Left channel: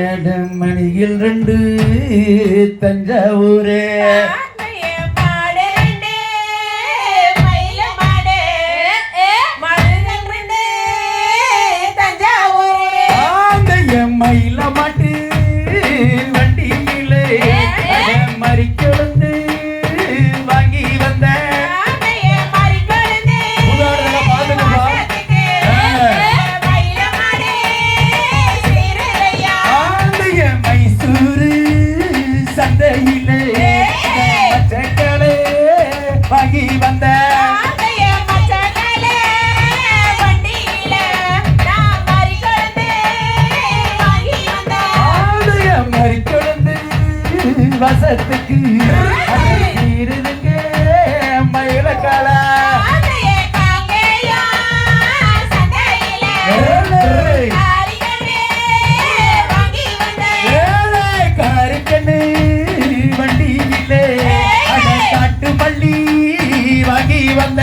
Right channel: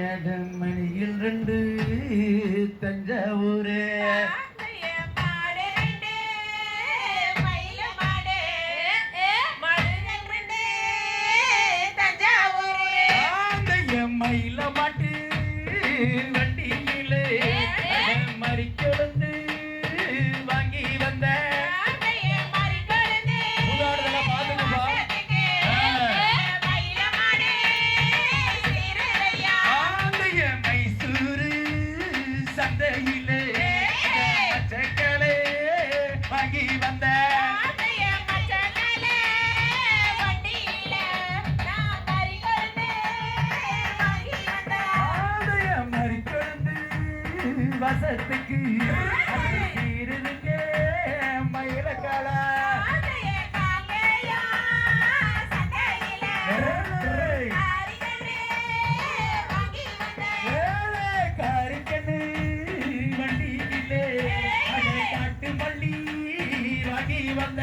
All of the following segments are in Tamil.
ஏழு மணியில் ரெண்டு தஞ்சாவூரே வசத்துக்கு இருதுங்க மயிலக்கால வண்டி வந்த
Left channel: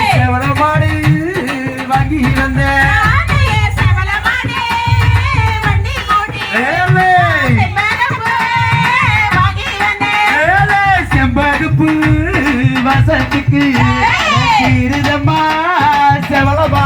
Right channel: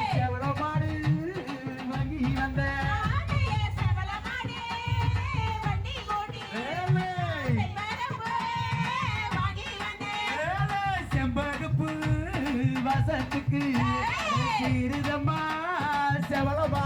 எம்படுப்பு வசத்துக்கு இருதம்மா செவளமா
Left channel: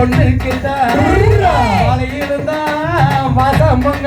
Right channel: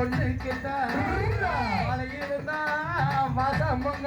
பொண்ணுக்கு தான். மாலை இருந்தா மாதம் பொங்க